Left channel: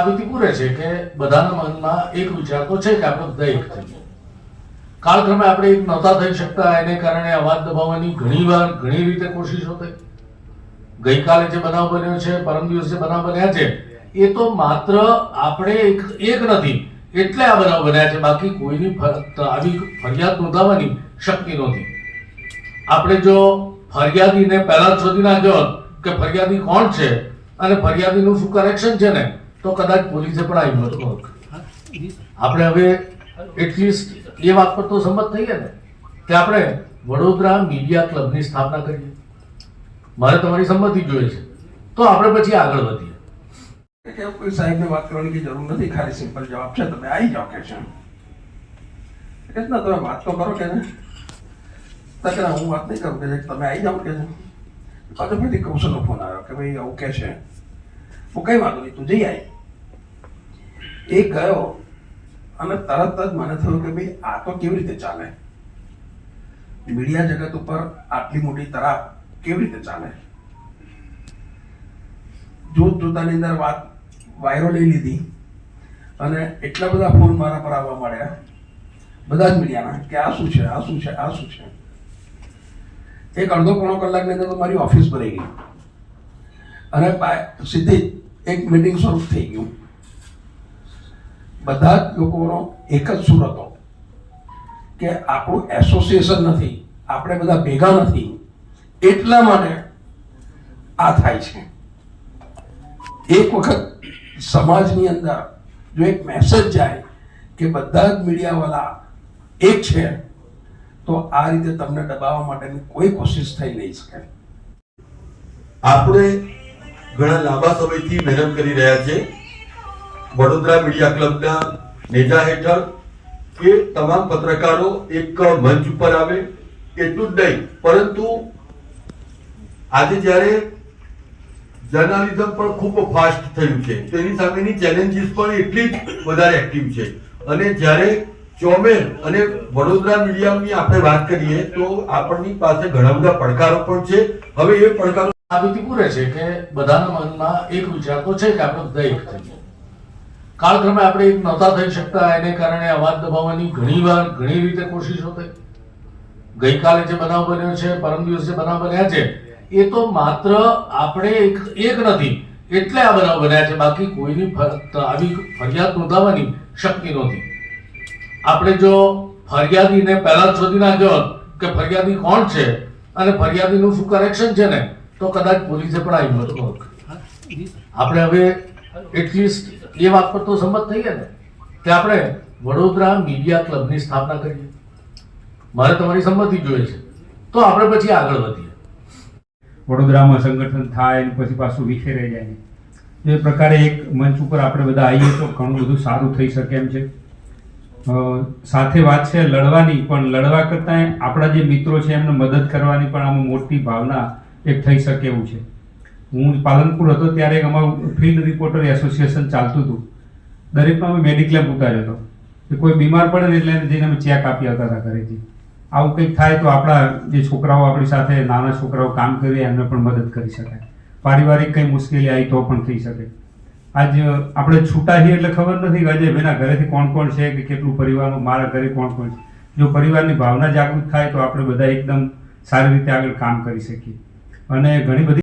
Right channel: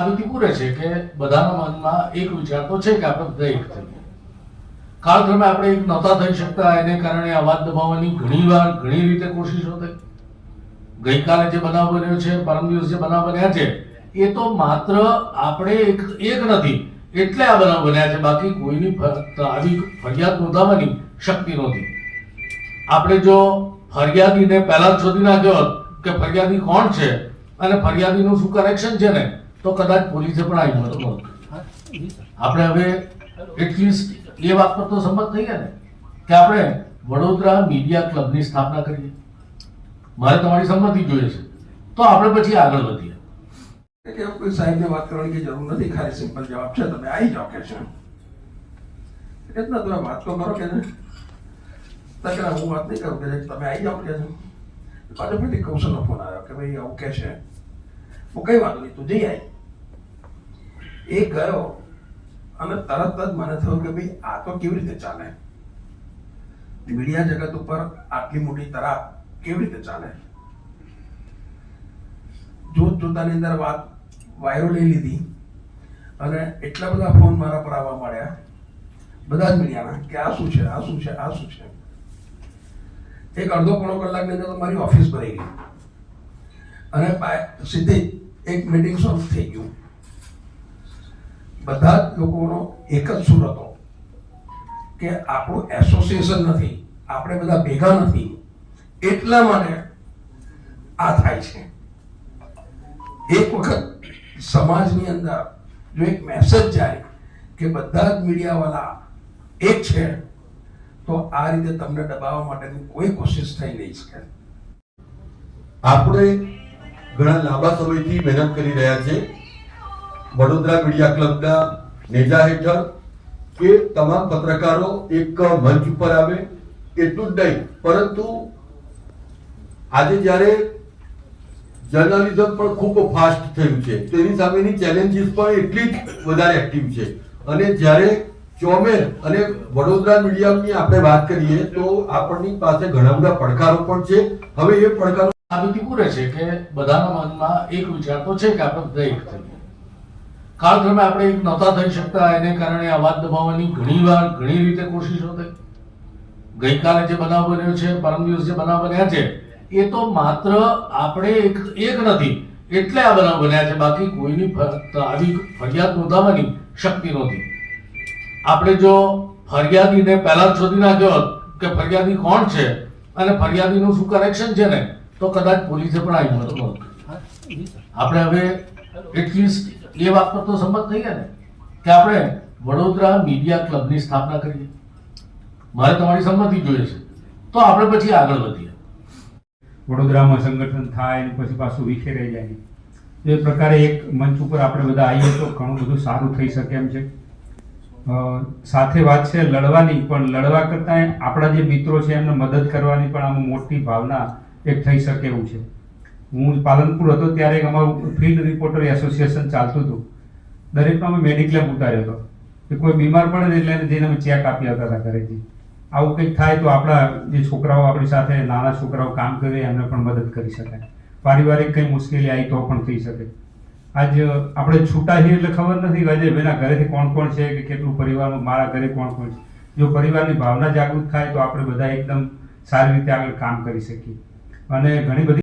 સાબિતી પૂરે છે કે બધાના મનમાં એક વિચાર તો છે કે આપણે બધા એક થઈએ કાળક્રમે આપણે એક નહોતા થઈ શકતા, એને કારણે અવાજ દબાવવાની ઘણી વાર, ઘણી રીતે કોશિશો થઈ ગઈકાલે જે બનાવ બન્યો છે, પરમ દિવસ જે બનાવ બન્યા છે, એ તો માત્ર આપણે એક એક નથી, એટલે આ બનાવ બન્યા છે. બાકી કોઈની આવી ફરિયાદ નોંધાવવાની શક્તિ નહોતી. આપણે જો ફરિયાદીને પહેલા જ શોધી નાખ્યો હોત કે ફરિયાદી કોણ છે અને ફરિયાદીનું શું કનેક્શન છે ને તો કદાચ પોલીસે પણ આવી નહોતું હોત. આપણે હવે એટલીસ્ટ એ વાત પર તો સંમત થઈએ ને, કે આપણે વડોદરા મીડિયા ક્લબની સ્થાપના કરીએ. મારે તમારી સંમતિ જોઈએ છે. તો આપણે પછી આગળ વધીએ. કે કોઈ સાહેબને વાત કરવાની જરૂર નથી, ખાલી સિમ્પલ જવાબ છે, તમે આવી જાઓ કે છે. એ જ ના તમે વાત તો કરો કે ને તો હું વાત નહીં કરું કે તમે આવી જાઓ કે પાછો ફરીથી કૌશલનો ફોન આવ્યો કે ભાઈ આવું કે છે. હું કઈ વાંધો નહીં, તું જઈ આવી એ ગયો અને તરત જ મને થયું કે ભાઈ, આ તો કેવી રીતે ચાલે? મીડિયા જગત ઉપર આટલી મોટી તરાપ કેવી રીતે ચાલે? જોત જોતાની અંદર વાત વાયરો લઈ લીધી અને એટલા બધા ફોન મારા પર આવવા માંડ્યા. બધા જ મીડિયાના કે આ શું છે, આ શું છે, આ શું છે? એક અડધો પોણો કલાકની અંદર મારી ઓફિસ ભરાઈ ગઈ. અને સીધી એક મીટિંગ શરૂ થઈ ગયું. બધા જ લોકોનો એક જ સુર હતો કે આપણું એસોસિએશન નથી, આપણે બધા ભેગા નથી. એટલા માટે આ થાય છે. એક વખત સમાજની અંદર જો એક મેસેજ જાય કે બધા જ મીડિયાવાળા એક છે, તો આ રીતે તમને દબાવવા માટેની કોઈ કોશિશ થઈ નહીં શકે. આપણે ઘણા લાંબા સમયથી મહેનત કરી રહ્યા છે વડોદરા મીડિયા ક્લબના નેજા હેઠળ કે તમામ પત્રકારો એક મંચ ઉપર આવે, એટલું જ નહીં, પરંતુ આજે જ્યારે જર્નાલિઝમ પણ ખૂબ ફાસ્ટ થયું છે, તો એની સામેની ચેલેન્જીસ પણ એટલી જ વધારે એક્ટિવ છે. અને જ્યારે ચોમેર અને વડોદરા મીડિયાની આપણે વાત કરીએ, તો આપણની પાસે ઘણા બધા પડકારો પણ છે. હવે એ પડકારો સાબિતી પૂરે છે કે બધાના મનમાં એક વિચાર તો છે કે આપણે બધા એક થઈએ કાળક્રમે આપણે એક નહોતા થઈ શકતા એને કારણે અવાજ દબાવવાની ઘણી વાર ઘણી રીતે કોશિશો થઈ ગઈકાલે જે બનાવ બન્યો છે પરમ દિવસ જે બનાવ બન્યા છે એ તો માત્ર આપણે એક એક નથી એટલે આ બનાવ બન્યા છે. બાકી કોઈની આવી ફરિયાદ નોંધાવવાની શક્તિ નહોતી. આપણે જો ફરિયાદીને પહેલા જ શોધી નાખ્યો હોત કે ફરિયાદી કોણ છે અને ફરિયાદીનું શું કનેક્શન છે ને તો કદાચ પોલીસે પણ આવી નહોતું આપણે હવે એટલીસ્ટ એ વાત પર તો સંમત થઈએ ને. કે આપણે વડોદરા મીડિયા ક્લબની સ્થાપના કરીએ. મારે તમારી સંમતિ જોઈએ છે. તો આપણે પછી આગળ વધીએ. વડોદરામાં સંગઠન થાય અને પછી પાછું વિખેરાઈ જાય એ પ્રકારે એક મંચ ઉપર આપણે બધા આવીએ તો ઘણું બધું સારું થઈ શકે એમ છે. સાથે વાત છે લડવાની, પણ લડવા કરતાં આપણા જે મિત્રો છે એમને મદદ કરવાની પણ આમાં મોટી ભાવના એક થઈ શકે એવું છે. હું પાલનપુર હતો ત્યારે અમારું ફિલ્ડ રિપોર્ટર એસોસિએશન ચાલતું હતું. દરેકમાં અમે મેડિક્લેમ ઉતાર્યો હતો. કે કોઈ બીમાર પડે ને એટલે જઈને અમે ચેક આપી આવતા હતા ઘરેથી. આવું કંઈક થાય તો આપણા જે છોકરાઓ આપણી સાથે, નાના છોકરાઓ કામ કરે, એમને પણ મદદ કરી શકાય. પારિવારિક કંઈ મુશ્કેલી આવી તો પણ થઈ શકે. આજ આપણે છૂટા છીએ એટલે ખબર નથી કે આજે બેના ઘરેથી કોણ કોણ છે, કે કેટલું પરિવારમાં મારા ઘરે કોણ કોણ છે. જો પરિવારની ભાવના જાગૃત થાય તો આપણે બધા એકદમ સારી રીતે આગળ કામ કરી શકીએ. અને ઘણી બધી